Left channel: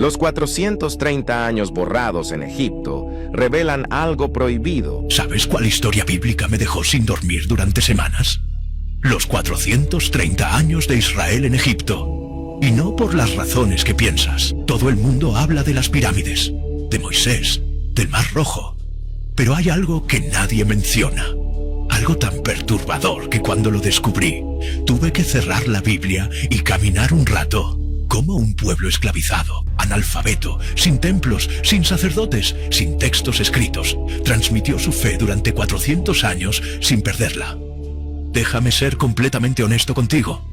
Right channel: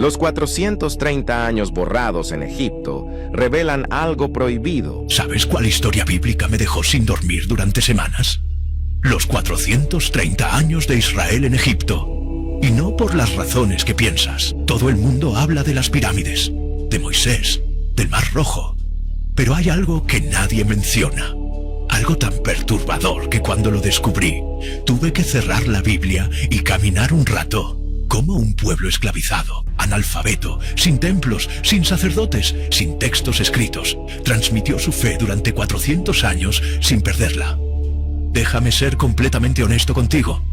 Los 430 años borrados en Egipto revelan algo prohibido. ¿Sabes cuál historia bíblica me dejó sin dormir durante semanas? Los 430 años de Israel en Egipto. Y no por las razones que piensas. Todo el mundo habla de las pirámides, de Moisés, del Mar Rojo. Pero hay algo que nadie menciona. Algo tan perturbador que cuando lo descubrí, tuve que cerrar la Biblia y caminar un rato. Como un pueblo esclavizado, analfabeto, sin templos, sin sacerdotes, sin textos escritos, transmitió su fe durante 400 años sin perderla. Déjame ser completamente honesto contigo.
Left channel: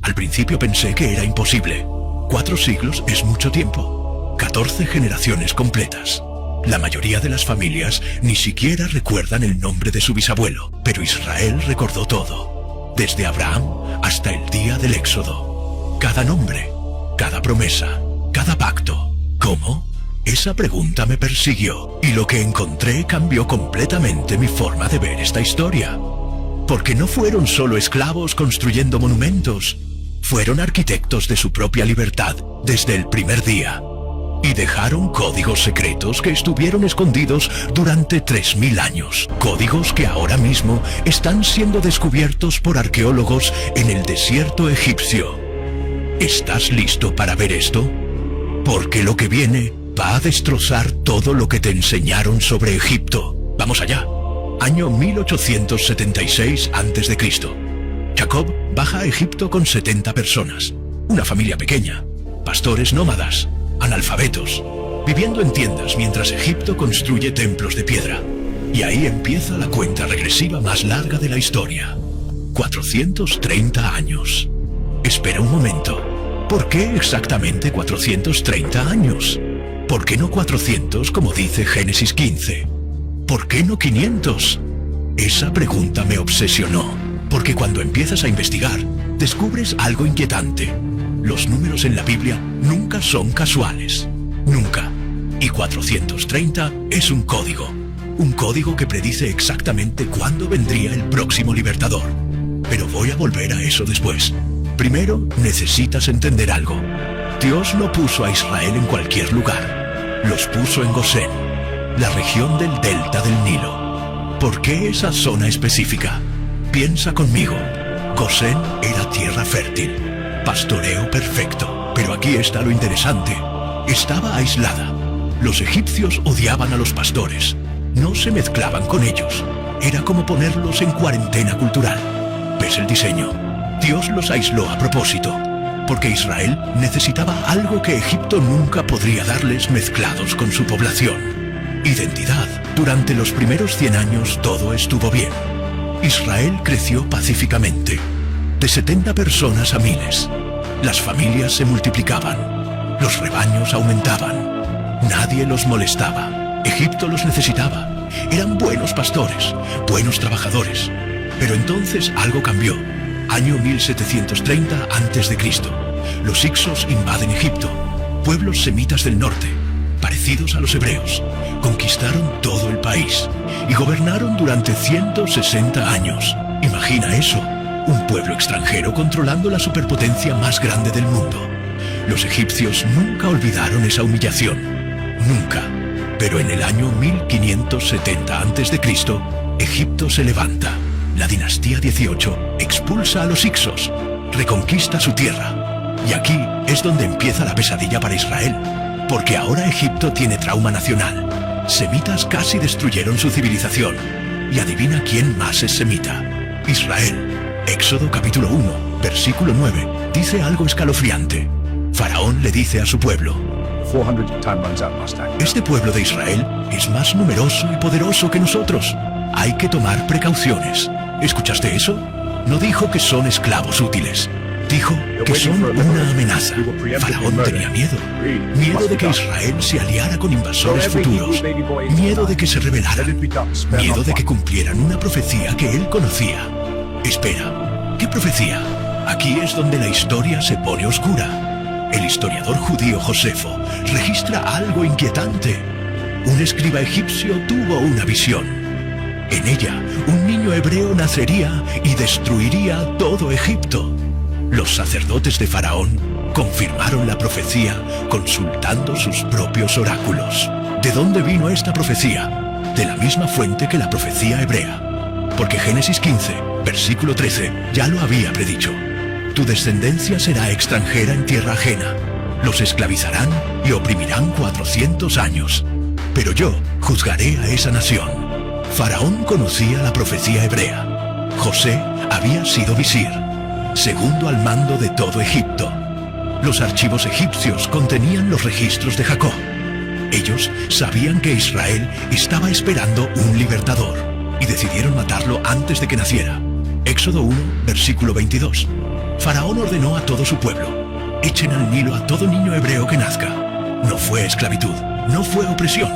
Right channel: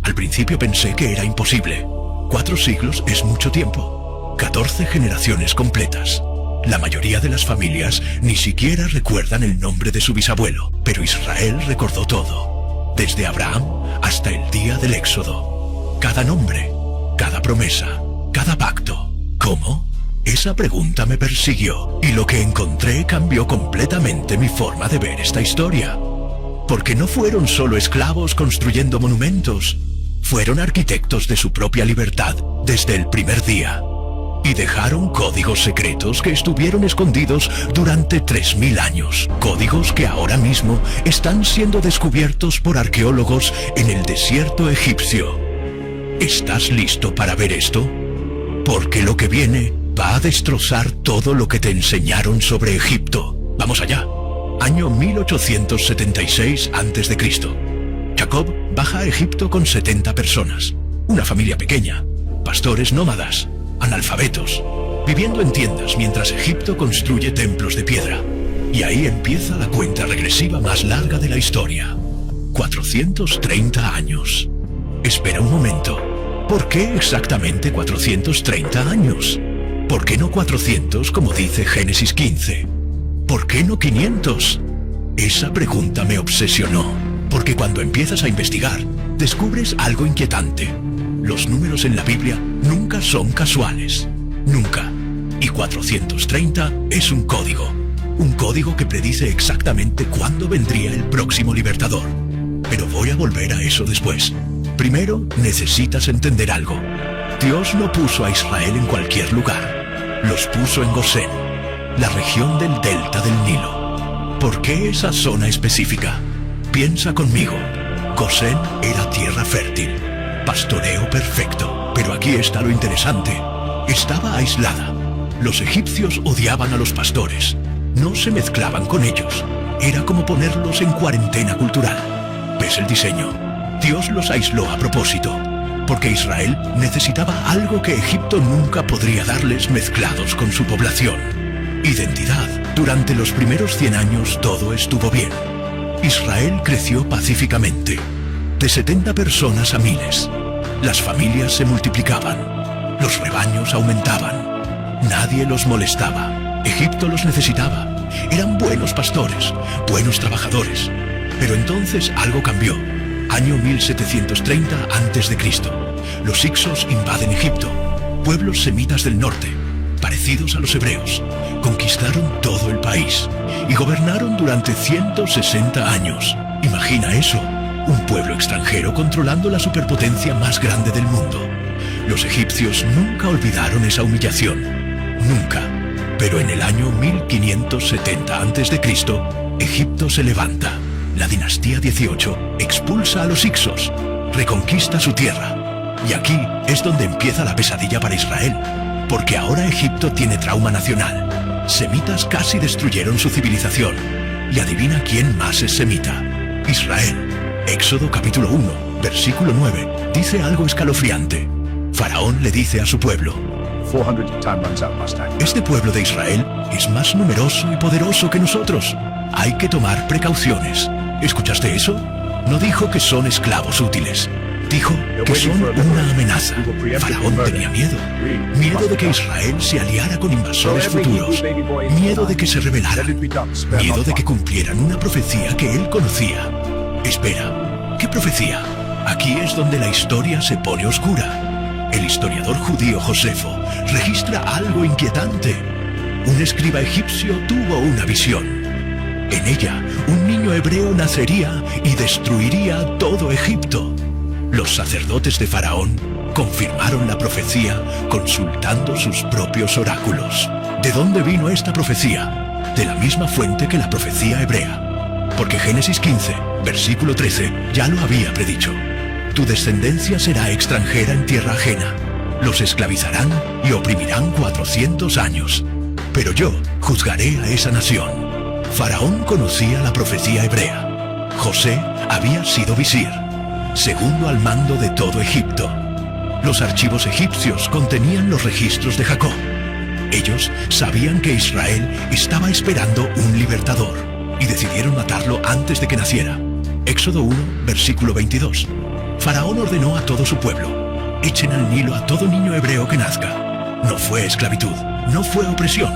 Al principio pensé que era imposible. 4 siglos es mucho tiempo. 14 generaciones completas. La mayoría de las familias ni siquiera recuerdan el nombre de su bisabuelo, pero Israel recordó todo, desde Abraham hasta el día del Éxodo. Cada nombre, cada promesa, cada pacto. ¿Cómo? Esa pregunta me persiguió, y lo que encontré cambió completamente mi forma de ver esta historia. Porque no fueron solo esclavos construyendo monumentos, fueron arquitectos de su propia libertad desde el primer día. Y dejaron códigos secretos que estuvieron escondidos durante 3000 años. Códigos que ahora mismo están siendo descubiertos por arqueólogos en el desierto egipcio. ¿Estás listo para ver esto? Porque lo que viene va a destrozar todo lo que te enseñaron sobre Egipto. Vamos allá. Año 1876 a.C. Jacob baja a Egipto con 70 personas. Una familia pequeña. Pastores nómadas. Analfabetos, viviendo en tiendas mientras Egipto construye templos de piedra. Y ahí empieza la cuenta regresiva más larga de la historia. 430 años. Espera un momento. ¿Por qué exactamente 430 años? ¿Por qué no 400 como dice Génesis 15? ¿Por qué no 500? Esa pregunta me obsesionó, porque cuando empiezas a investigar, descubres algo inquietante. Los números en la Biblia nunca son casuales. Nunca. Y 430 es un código. Un código que predice exactamente cuándo vendría el próximo libertador. Pero voy a volver a eso después. Primero, necesitas entender algo. Dios no puso a Israel en cualquier lugar. Los puso en Gosén, la región del delta del Nilo. ¿Por qué esa zona específica? Piensa conmigo. Gosén era tierra fértil. Pastoreo perfecto. Pero aquí está lo interesante. Estaba aislada. Los egipcios odiaban a los pastores. No se mezclaban con ellos. Era como ponerlos en cuarentena cultural. ¿Ves el diseño? Dios los aisló a propósito. Porque Israel necesitaba algo que Egipto nunca podría darles mezclados con su población. Identidad. Durante los primeros 100 años todo estuvo bien. Israel creció pacíficamente. De 70 personas a miles. Las familias se multiplicaban. Los rebaños aumentaban. Nadie los molestaba. Egipto los necesitaba. Eran buenos pastores, buenos trabajadores. Pero entonces algo cambió. Año 1730 a.C. Los hicsos invaden Egipto. Pueblos semitas del norte, parecidos a los hebreos. Conquistaron todo el país y gobernaron durante 160 años. Imagina eso. Un pueblo extranjero controlando la superpotencia más grande del mundo. Los egipcios nunca olvidaron esa humillación. Nunca. Pero en el año 1570 a.C., Egipto se levanta. La dinastía 18 expulsa a los hicsos, reconquista su tierra. Y aquí es donde empieza la pesadilla para Israel. Porque ahora Egipto tiene trauma nacional. Semitas casi destruyeron su civilización. Y adivina quién más es semita. Israel. Éxodo capítulo 1, versículo 9, dice algo escalofriante. Faraón le dice a su pueblo: este pueblo de Israel es más numeroso y poderoso que nosotros. Hay que tomar precauciones. ¿Escuchaste eso? No dijo que son esclavos útiles. Dijo que son una amenaza. Faraón tenía miedo. Miedo de que Israel se aliara con invasores futuros. Miedo de que se rebelaran. Miedo de que cumplieran una profecía que él conocía. Espera, ¿qué profecía? Aquí es donde la historia se pone oscura. El historiador judío Josefo registra algo inquietante. Un escriba egipcio tuvo una visión. En ella, un niño hebreo nacería y destruiría todo Egipto. Los sacerdotes de Faraón confirmaron la profecía consultando sus propios oráculos. ¿De dónde vino esta profecía? De la misma fuente que la profecía hebrea. Porque Génesis 15, versículo 13, ya lo había predicho. Tu descendencia será extranjera en tierra ajena. Los esclavizarán y oprimirán 400 años. Pero yo juzgaré a esa nación. Faraón conocía la profecía hebrea. José había sido visir, segundo al mando de todo Egipto. Los archivos egipcios contenían los registros de Jacob. Ellos sabían que Israel estaba esperando un libertador y decidieron matarlo antes de que naciera. Éxodo 1, versículo 22. Faraón ordenó a todo su pueblo: echen al Nilo a todo niño hebreo que nazca. No fue esclavitud, no fue opresión,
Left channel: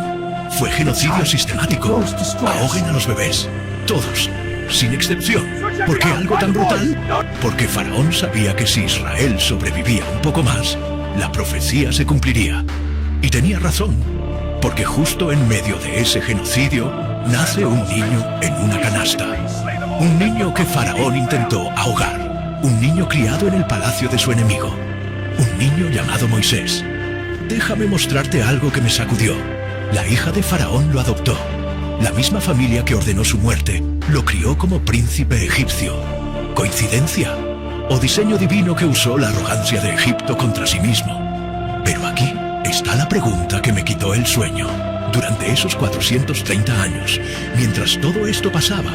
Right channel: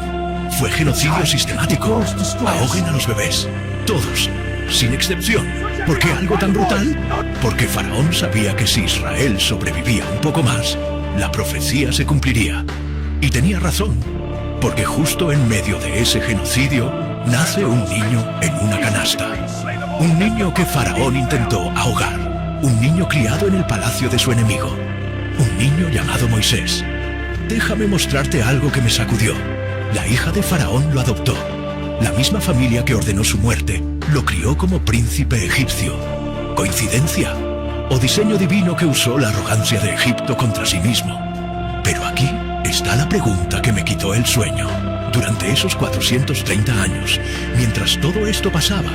fue genocidio sistemático. Ahoguen a los bebés, todos, sin excepción. ¿Por qué algo tan brutal? Porque Faraón sabía que si Israel sobrevivía un poco más, la profecía se cumpliría. Y tenía razón, porque justo en medio de ese genocidio nace un niño en una canasta. Un niño que Faraón intentó ahogar. Un niño criado en el palacio de su enemigo. Un niño llamado Moisés. Déjame mostrarte algo que me sacudió. La hija de Faraón lo adoptó. La misma familia que ordenó su muerte lo crió como príncipe egipcio. ¿Coincidencia? ¿O diseño divino que usó la arrogancia de Egipto contra sí mismo? Pero aquí está la pregunta que me quitó el sueño. Durante esos 430 años, mientras todo esto pasaba,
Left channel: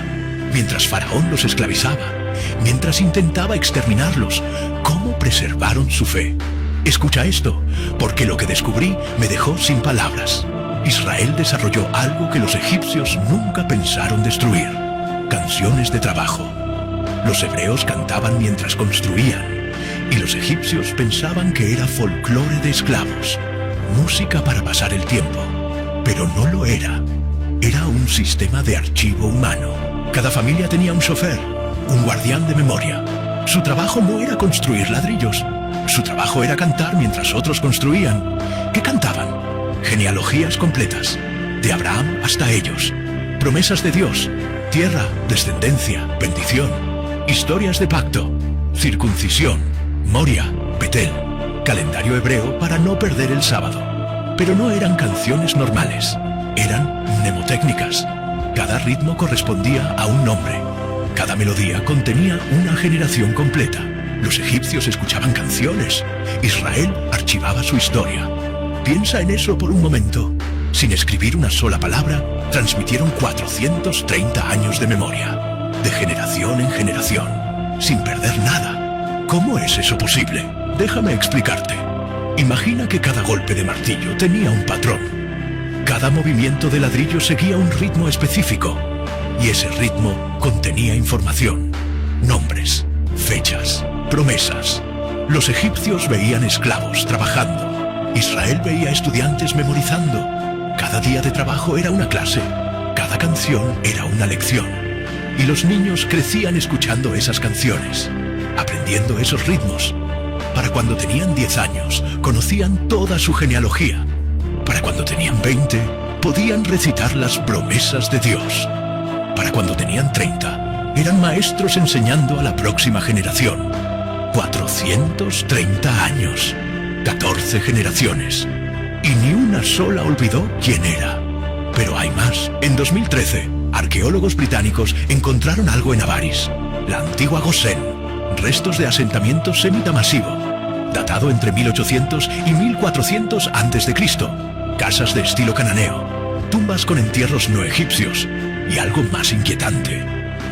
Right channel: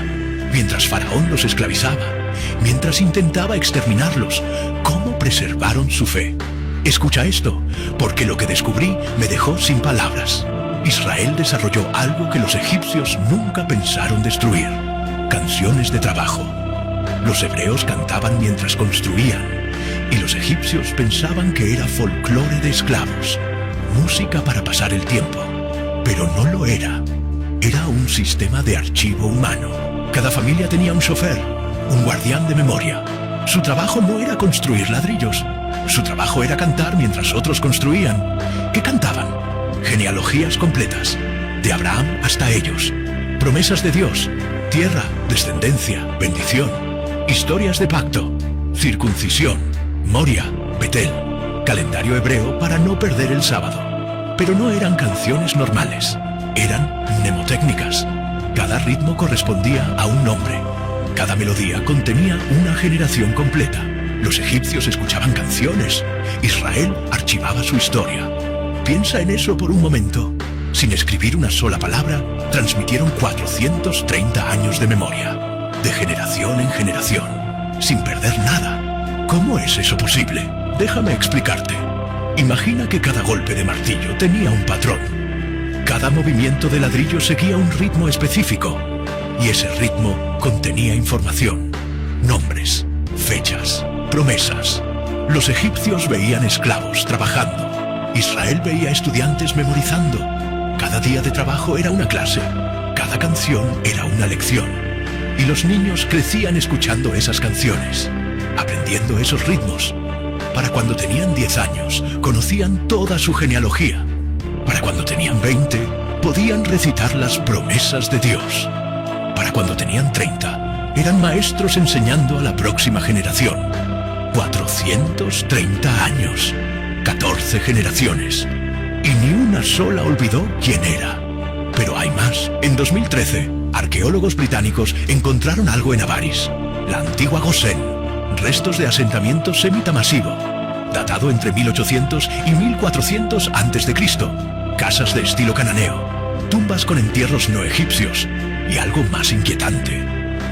mientras Faraón los esclavizaba, mientras intentaba exterminarlos, ¿cómo preservaron su fe? Escucha esto, porque lo que descubrí me dejó sin palabras. Israel desarrolló algo que los egipcios nunca pensaron destruir: canciones de trabajo. Los hebreos cantaban mientras construían, y los egipcios pensaban que era folclore de esclavos, música para pasar el tiempo. Pero no lo era. Era un sistema de archivo humano. Cada familia tenía un chofer, un guardián de memoria. Su trabajo no era construir ladrillos. Su trabajo era cantar mientras otros construían. ¿Qué cantaban? Genealogías completas, de Abraham hasta ellos. Promesas de Dios, tierra, descendencia, bendición. Historias de pacto, circuncisión, Moria, Betel. Calendario hebreo para no perder el sábado. Pero no eran canciones normales. Eran mnemotécnicas. Cada ritmo correspondía a un nombre. Cada melodía contenía una generación completa. Los egipcios escuchaban canciones. Israel archivaba su historia. Piensa en eso por un momento. Sin escribir una sola palabra, transmitieron 430 años de memoria. De generación en generación. Sin perder nada. ¿Cómo es eso posible? Déjame explicarte. Imagina que cada golpe de martillo tenía un patrón. Cada movimiento de ladrillo seguía un ritmo específico. Y ese ritmo contenía información. Nombres, fechas, promesas. Los egipcios veían esclavos trabajando. Israel veía estudiantes memorizando. Cada día de trabajo era una clase. Cada canción era una lección. Y los niños crecían escuchando esas canciones, aprendiendo esos ritmos. Para cuando tenían 10 años, conocían toda su genealogía. Para cuando tenían 20, podían recitar las promesas de Dios. Para cuando tenían 30, eran maestros enseñando a la próxima generación. 430 años, 14 generaciones. Y ni una sola olvidó quién era. Pero hay más. En 2013, arqueólogos británicos encontraron algo en Avaris, la antigua Gosén. Restos de asentamiento semita masivo, datado entre 1800 y 1400 a.C. Casas de estilo cananeo, tumbas con entierros no egipcios y algo más inquietante:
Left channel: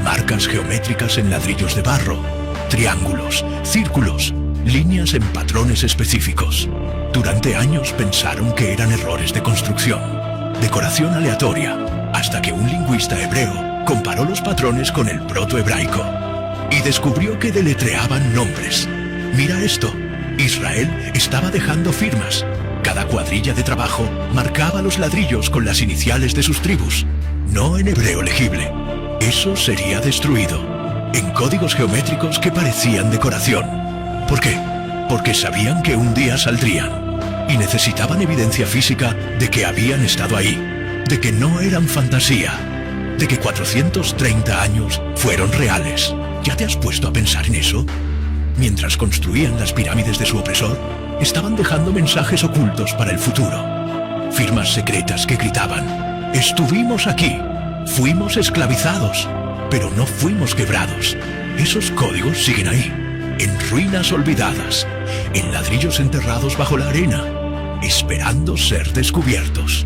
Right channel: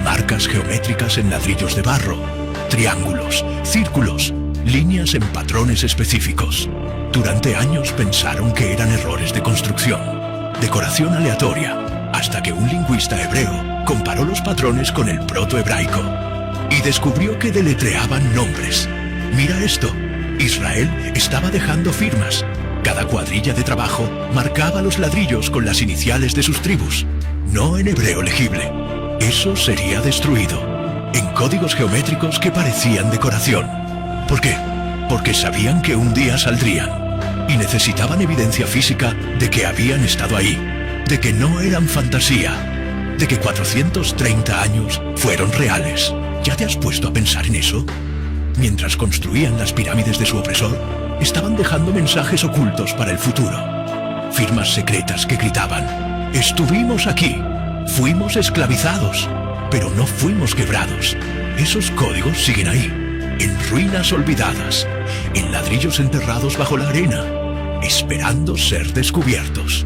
marcas geométricas en ladrillos de barro, triángulos, círculos, líneas en patrones específicos. Durante años pensaron que eran errores de construcción, decoración aleatoria, hasta que un lingüista hebreo comparó los patrones con el protohebraico y descubrió que deletreaban nombres. Mira esto. Israel estaba dejando firmas. Cada cuadrilla de trabajo marcaba los ladrillos con las iniciales de sus tribus. No en hebreo legible. Eso sería destruido. En códigos geométricos que parecían decoración. ¿Por qué? Porque sabían que un día saldrían. Y necesitaban evidencia física de que habían estado ahí. De que no eran fantasía. De que 430 años fueron reales. ¿Ya te has puesto a pensar en eso? Mientras construían las pirámides de su opresor, estaban dejando mensajes ocultos para el futuro. Firmas secretas que gritaban: estuvimos aquí, fuimos esclavizados, pero no fuimos quebrados. Esos códigos siguen ahí, en ruinas olvidadas, en ladrillos enterrados bajo la arena, esperando ser descubiertos.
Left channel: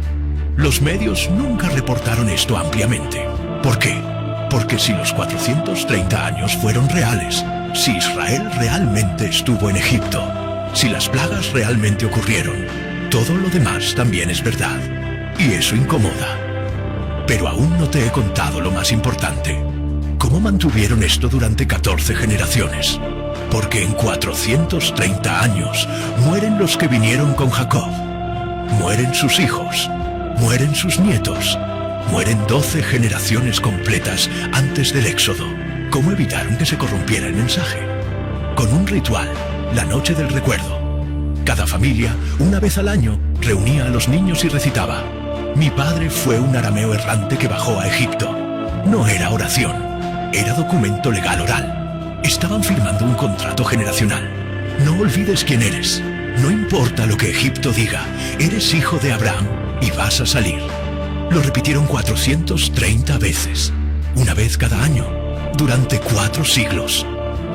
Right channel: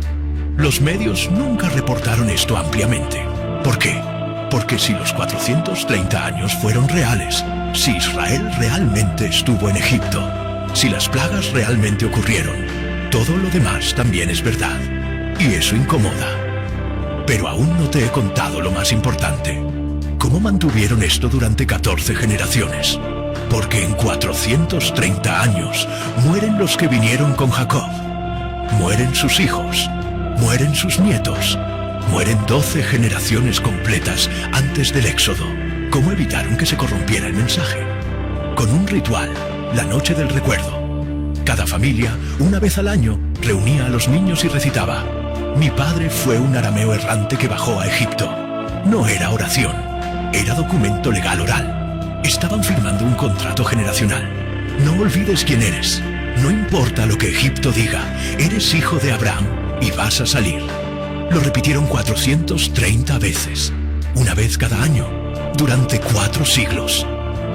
Los medios nunca reportaron esto ampliamente. ¿Por qué? Porque si los 430 años fueron reales, si Israel realmente estuvo en Egipto, si las plagas realmente ocurrieron, todo lo demás también es verdad. Y eso incomoda. Pero aún no te he contado lo más importante. ¿Cómo mantuvieron esto durante 14 generaciones? Porque en 430 años mueren los que vinieron con Jacob. Mueren sus hijos, mueren sus nietos, mueren 12 generaciones completas antes del Éxodo. ¿Cómo evitaron que se corrompiera el mensaje? Con un ritual, la noche del recuerdo. Cada familia, una vez al año, reunía a los niños y recitaba: mi padre fue un arameo errante que bajó a Egipto. No era oración, era documento legal oral. Estaban firmando un contrato generacional. No olvides quién eres. No importa lo que Egipto diga, eres hijo de Abraham y vas a salir. Lo repitieron 430 veces, una vez cada año, durante 4 siglos.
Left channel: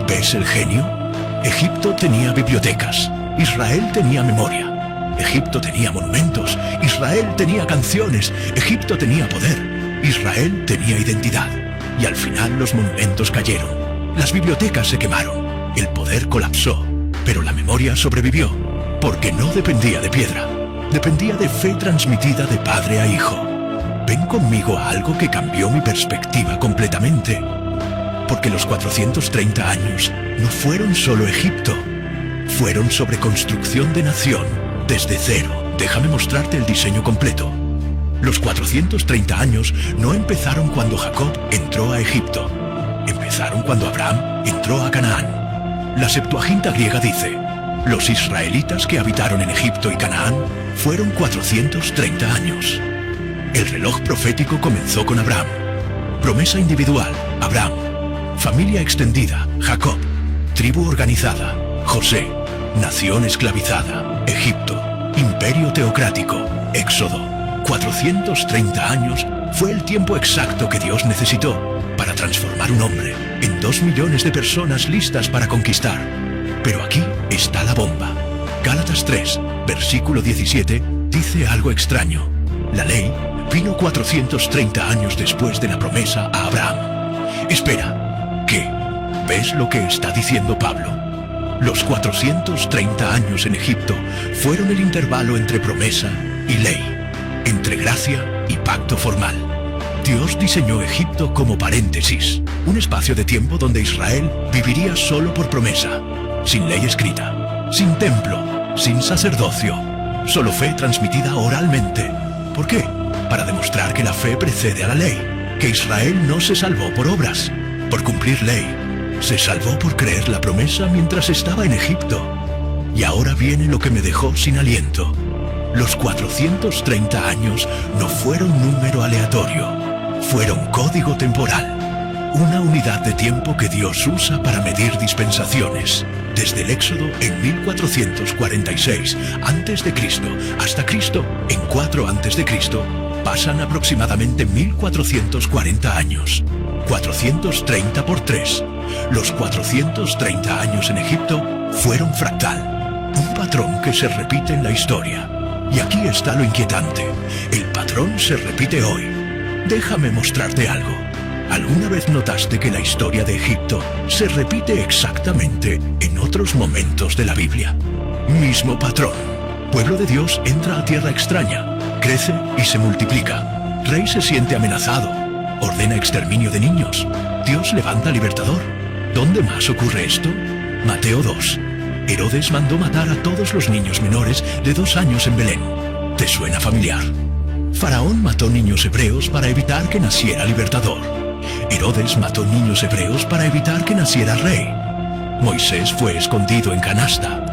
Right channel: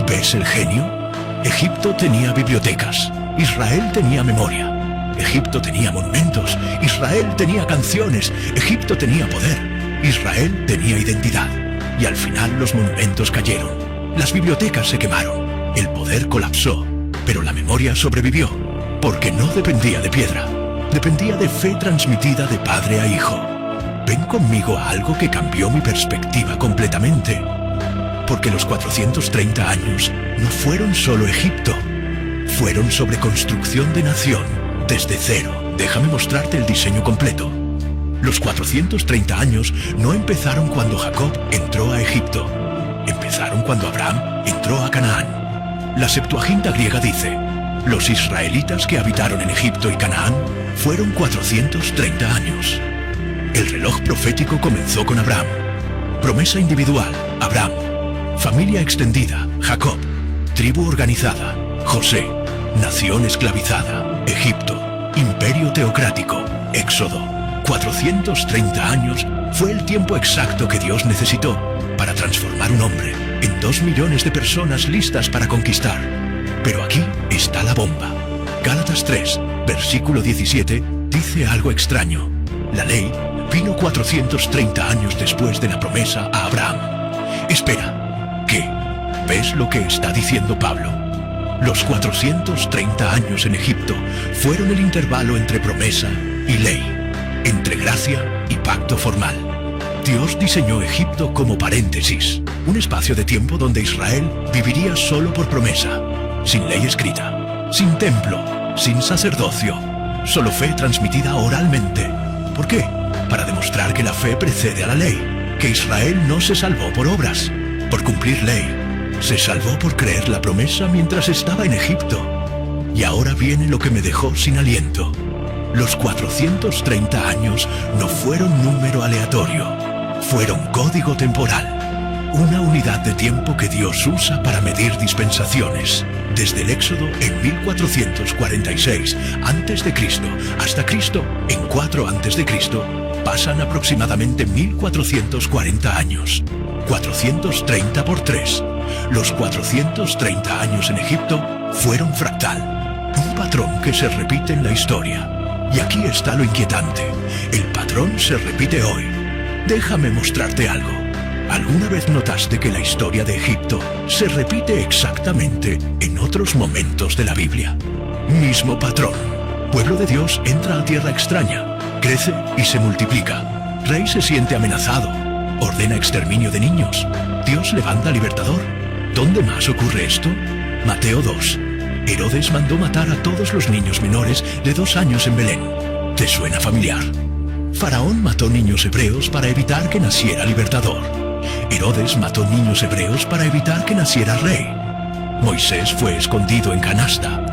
¿Ves el genio? Egipto tenía bibliotecas, Israel tenía memoria. Egipto tenía monumentos, Israel tenía canciones, Egipto tenía poder, Israel tenía identidad. Y al final los monumentos cayeron, las bibliotecas se quemaron, el poder colapsó, pero la memoria sobrevivió, porque no dependía de piedra, dependía de fe transmitida de padre a hijo. Ven conmigo a algo que cambió mi perspectiva completamente. Porque los 430 años no fueron solo Egipto, fueron sobre construcción de nación, desde cero. Déjame mostrarte el diseño completo. Los 430 años no empezaron cuando Jacob entró a Egipto, empezaron cuando Abraham entró a Canaán. La Septuaginta griega dice: los israelitas que habitaron en Egipto y Canaán fueron 430 años. El reloj profético comenzó con Abraham. Promesa individual, Abraham. Familia extendida, Jacob. Tribu organizada, José. Nación esclavizada, Egipto. Imperio teocrático, Éxodo. 430 años fue el tiempo exacto que Dios necesitó para transformar un hombre en 2 millones de personas listas para conquistar. Pero aquí está la bomba. Gálatas 3, versículo 17, dice algo extraño. La ley vino 430 años después de la promesa a Abraham. Espera, ¿qué? ¿Ves lo que está diciendo Pablo? Los 430 años en Egipto fueron el intervalo entre promesa y ley, entre gracia y pacto formal. Dios diseñó Egipto como paréntesis, un espacio de tiempo donde Israel viviría solo por promesa, sin ley escrita, sin templo, sin sacerdocio, solo fe transmitida oralmente. ¿Por qué? Para demostrar que la fe precede a la ley, que Israel no se salvó por obras, por cumplir ley, se salvó por creer la promesa mientras estaba en Egipto. Y ahora viene lo que me dejó sin aliento. Los 430 años no fueron número aleatorio, fueron código temporal, una unidad de tiempo que Dios usa para medir dispensaciones. Desde el Éxodo en 1446 a.C. hasta Cristo en 4 a.C. pasan aproximadamente 1440 años. 430 por 3. Los 430 años en Egipto fueron fractal, un patrón que se repite en la historia. Y aquí está lo inquietante. El patrón se repite hoy. Déjame mostrarte algo. ¿Alguna vez notaste que la historia de Egipto se repite exactamente en otros momentos de la Biblia? Mismo patrón. Pueblo de Dios entra a tierra extraña, crece y se multiplica. Rey se siente amenazado, ordena exterminio de niños. Dios levanta libertador. ¿Dónde más ocurre esto? Mateo 2. Herodes mandó matar a todos los niños menores de 2 años en Belén. ¿Te suena familiar? Faraón mató niños hebreos para evitar que naciera libertador. Herodes mató niños hebreos para evitar que naciera rey. Moisés fue escondido en canasta.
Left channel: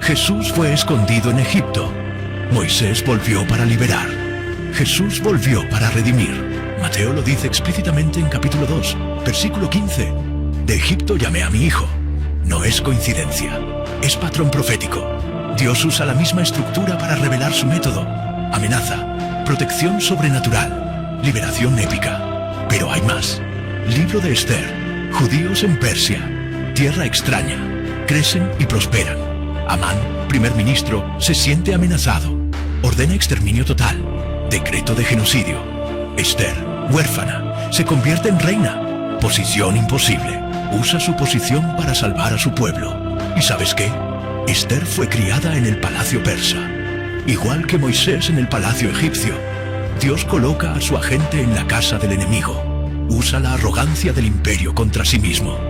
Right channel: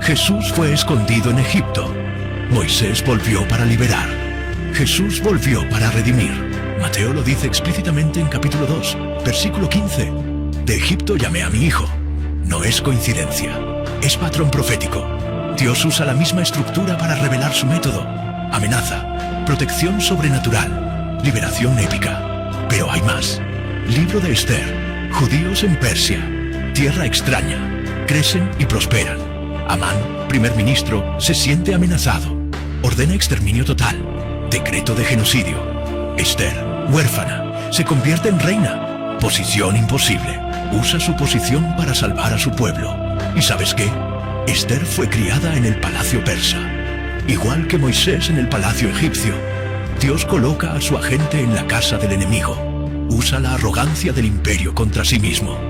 Jesús fue escondido en Egipto. Moisés volvió para liberar. Jesús volvió para redimir. Mateo lo dice explícitamente en capítulo 2, versículo 15. De Egipto llamé a mi hijo. No es coincidencia, es patrón profético. Dios usa la misma estructura para revelar su método. Amenaza, protección sobrenatural, liberación épica. Pero hay más. Libro de Esther, judíos en Persia, tierra extraña, crecen y prosperan. Amán, primer ministro, se siente amenazado. Ordena exterminio total, decreto de genocidio. Esther, huérfana, se convierte en reina. Posición imposible. Usa su posición para salvar a su pueblo. ¿Y sabes qué? Esther fue criada en el palacio persa. Igual que Moisés en el palacio egipcio. Dios coloca a su agente en la casa del enemigo. Usa la arrogancia del imperio contra sí mismo.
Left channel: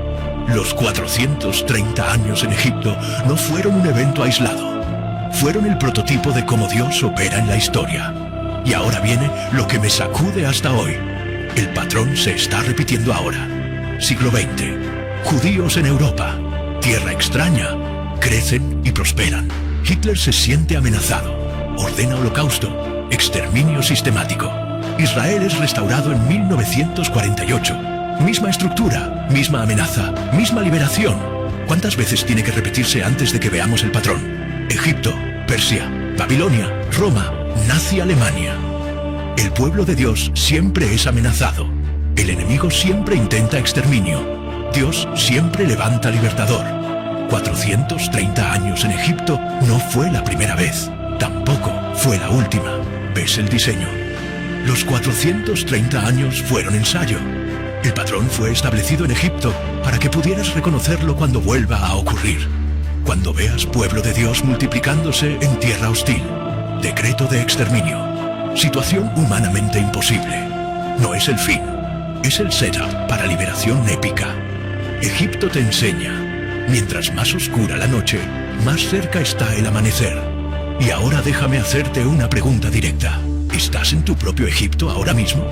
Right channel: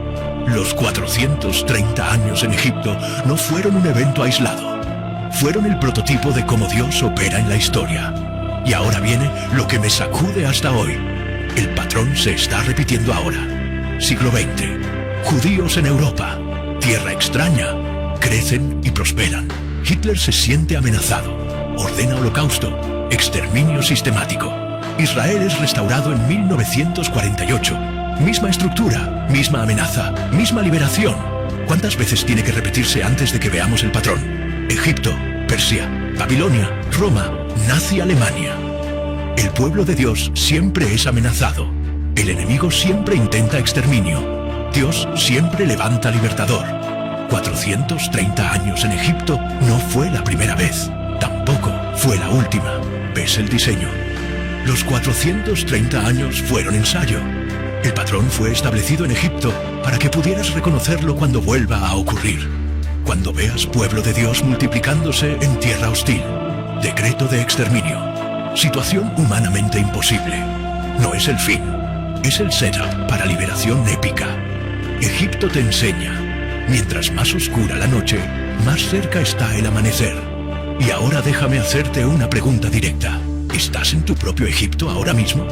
Los 430 años en Egipto no fueron un evento aislado. Fueron el prototipo de cómo Dios opera en la historia. Y ahora viene lo que me sacude hasta hoy. El patrón se está repitiendo ahora. Siglo XX. Judíos en Europa. Tierra extraña. Crecen y prosperan. Hitler se siente amenazado. Ordena holocausto. Exterminio sistemático. Israel es restaurado en 1948. Misma estructura, misma amenaza, misma liberación. ¿Cuántas veces tiene que repetirse antes de que veamos el patrón? Egipto, Persia, Babilonia, Roma, nazi Alemania. El pueblo de Dios siempre es amenazado. El enemigo siempre intenta exterminio. Dios siempre levanta libertador. 430 años en Egipto no fue la primera vez. Tampoco fue la última. ¿Ves el diseño? Los 430 años fueron ensayo. El patrón fue establecido en Egipto para que pudieras reconocerlo cuando vuelva a ocurrir. Cuando veas pueblo de Dios multiplicándose en tierra hostil. Decreto de exterminio. Situación humanamente imposible. No es el fin. Es el setup para liberación épica. Egipto te enseña. Mientras más oscura la noche, más cerca está el amanecer. Y ahora déjame hacerte una pregunta directa. ¿Estás en tu propio Egipto ahora mismo?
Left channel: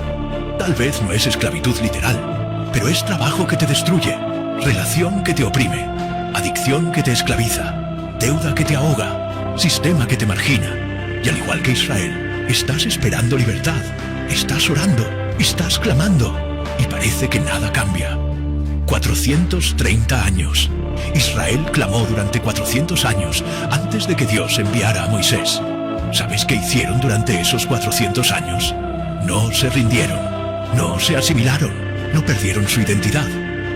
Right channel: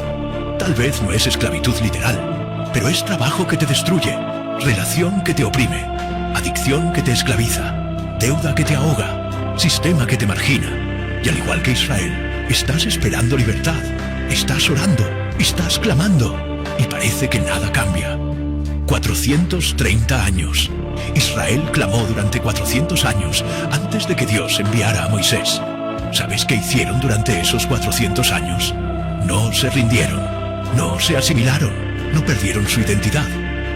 Tal vez no es esclavitud literal, pero es trabajo que te destruye, relación que te oprime, adicción que te esclaviza, deuda que te ahoga, sistema que te margina. Y al igual que Israel, estás esperando libertad, estás orando, estás clamando, y parece que nada cambia. 430 años. Israel clamó durante 400 años antes de que Dios enviara a Moisés. ¿Sabéis qué hicieron durante esos 400 años? No se rindieron, no se asimilaron, no perdieron su identidad.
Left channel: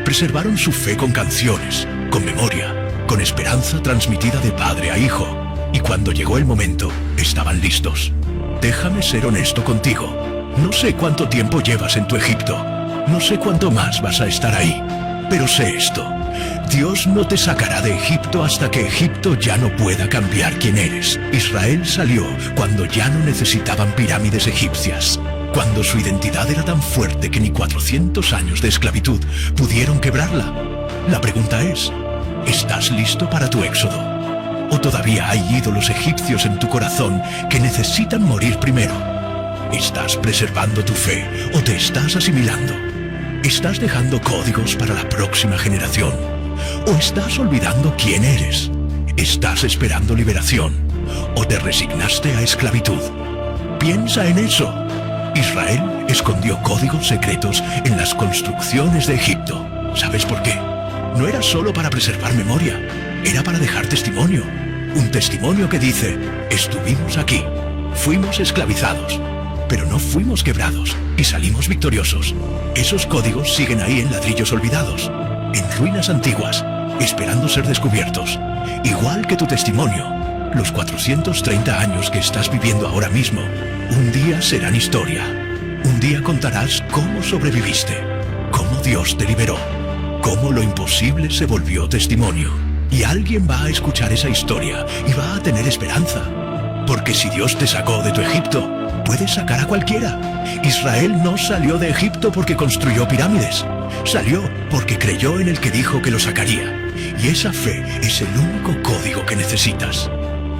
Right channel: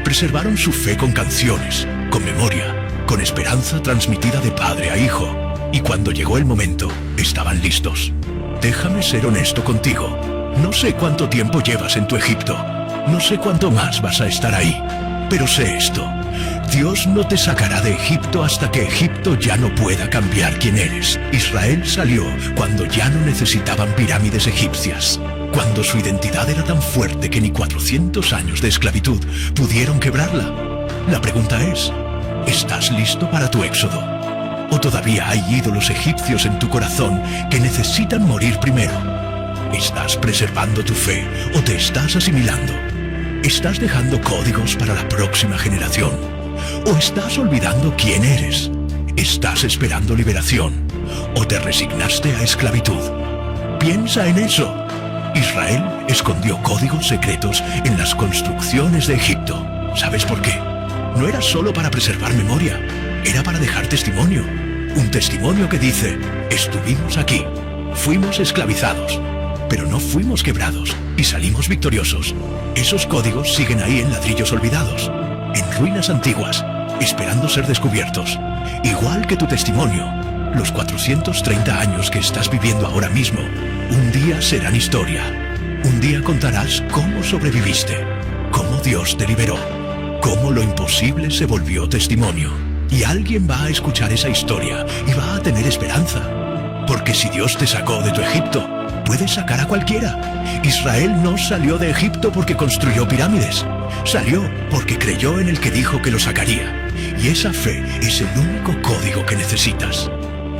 Preservaron su fe con canciones, con memoria, con esperanza transmitida de padre a hijo. Y cuando llegó el momento, estaban listos. Déjame ser honesto contigo. No sé cuánto tiempo llevas en tu Egipto. No sé cuánto más vas a estar ahí. Pero sé esto. Dios no te sacará de Egipto hasta que Egipto ya no pueda cambiar quién eres. Israel salió cuando ya no necesitaban pirámides egipcias. Cuando su identidad era tan fuerte que ni 400 años de esclavitud pudieron quebrarla. La pregunta es, ¿estás listo para tu éxodo? ¿O todavía hay ídolos egipcios en tu corazón que necesitan morir primero? ¿Estás preservando tu fe o te estás asimilando? ¿Estás dejando códigos para la próxima generación? ¿O estás olvidando quién eres? ¿Estás esperando liberación? ¿O te resignaste a esclavitud? Piensa en eso. Israel escondió códigos secretos en las construcciones de Egipto. ¿Sabes por qué? No era solo para preservar memoria, era para dejar testimonio. Un testimonio que dice, estuvimos aquí, fuimos esclavizados, pero no fuimos quebrados y salimos victoriosos. Esos códigos siguen ahí en ladrillos olvidados, en ruinas antiguas, esperando ser descubiertos. Igual que tu testimonio, los 430 años que estás viviendo ahora mismo, un día serán historia. Un día contarás cómo sobreviviste, cómo Dios te liberó, cómo lo imposible se volvió testimonio. Y alguien va a escuchar esa historia y va a tener esperanza. Porque si Dios te sacó de tu Egipto, puede sacar a cualquiera. Israel no salió de Egipto porque construyó pirámides. Salió porque creyó en el que dijo que lo sacaría. Y esa fe es el único código que necesitas.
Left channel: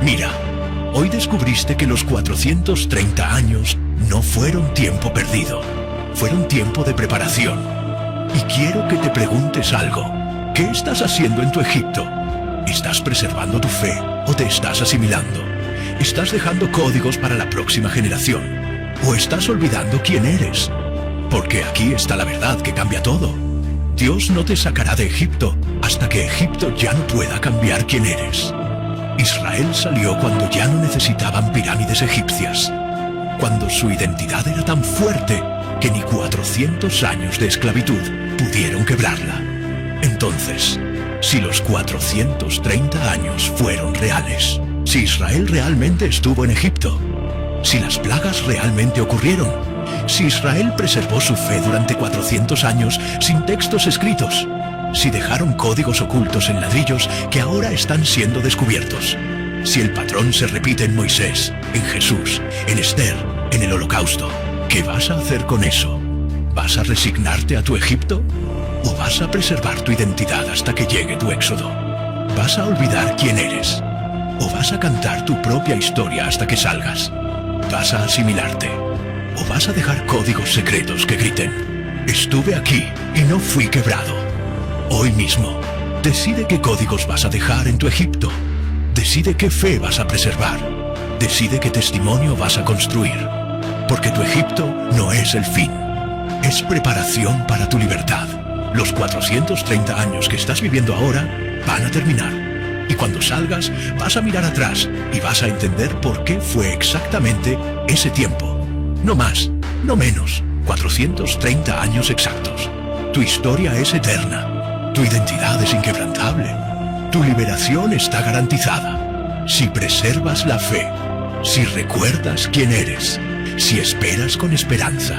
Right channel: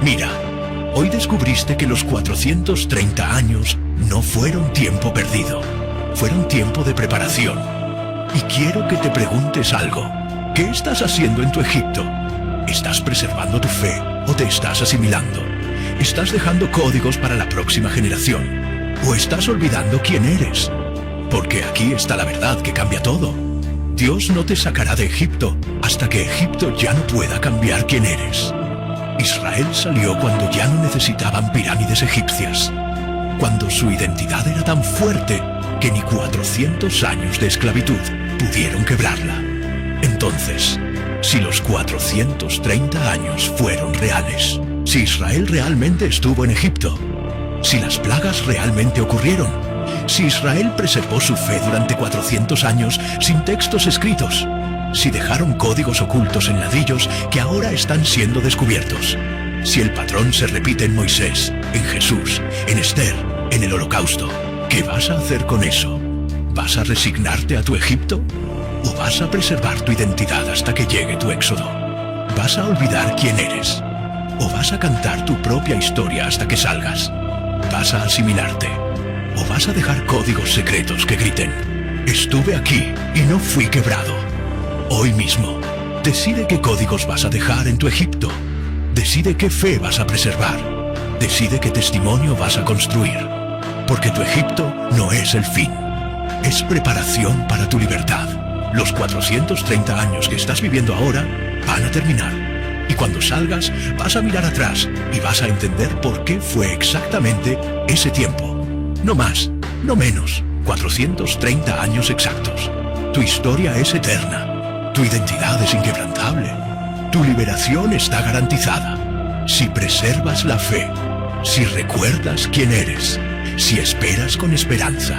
Mira, hoy descubriste que los 430 años no fueron tiempo perdido. Fueron tiempo de preparación. Y quiero que te preguntes algo. ¿Qué estás haciendo en tu Egipto? ¿Estás preservando tu fe o te estás asimilando? ¿Estás dejando códigos para la próxima generación? ¿O estás olvidando quién eres? Porque aquí está la verdad que cambia todo. Dios no te sacará de Egipto hasta que Egipto ya no pueda cambiar quién eres. Israel salió cuando ya no necesitaban pirámides egipcias, cuando su identidad era tan fuerte que ni 400 años de esclavitud pudieron quebrarla. Entonces, si los 430 años fueron reales, si Israel realmente estuvo en Egipto, si las plagas realmente ocurrieron, si Israel preservó su fe durante 400 años sin textos escritos, si dejaron códigos ocultos en ladrillos que ahora están siendo descubiertos, si el patrón se repite en Moisés, en Jesús, en Esther, en el Holocausto, ¿qué vas a hacer con eso? ¿Vas a resignarte a tu Egipto? ¿O vas a preservar tu identidad hasta que llegue tu éxodo? ¿Vas a olvidar quién eres? ¿O vas a cantar tu propia historia hasta que salgas? ¿Vas a asimilarte? ¿O vas a dejar códigos secretos que griten: estuve aquí y no fui quebrado? Hoy mismo, decide qué códigos vas a dejar en tu Egipto. Decide qué fe vas a preservar. Decide qué testimonio vas a construir. Porque tu Egipto no es el fin. Es preparación para tu libertad. Los 430 años que estás viviendo ahora van a terminar. Y cuando salgas, vas a mirar atrás y vas a entender por qué fue exactamente ese tiempo. No más, no menos. 430 años exactos. Tu historia es eterna. Tu identidad es inquebrantable. Tu liberación está garantizada. Si preservas la fe, si recuerdas quién eres, si esperas con esperanza,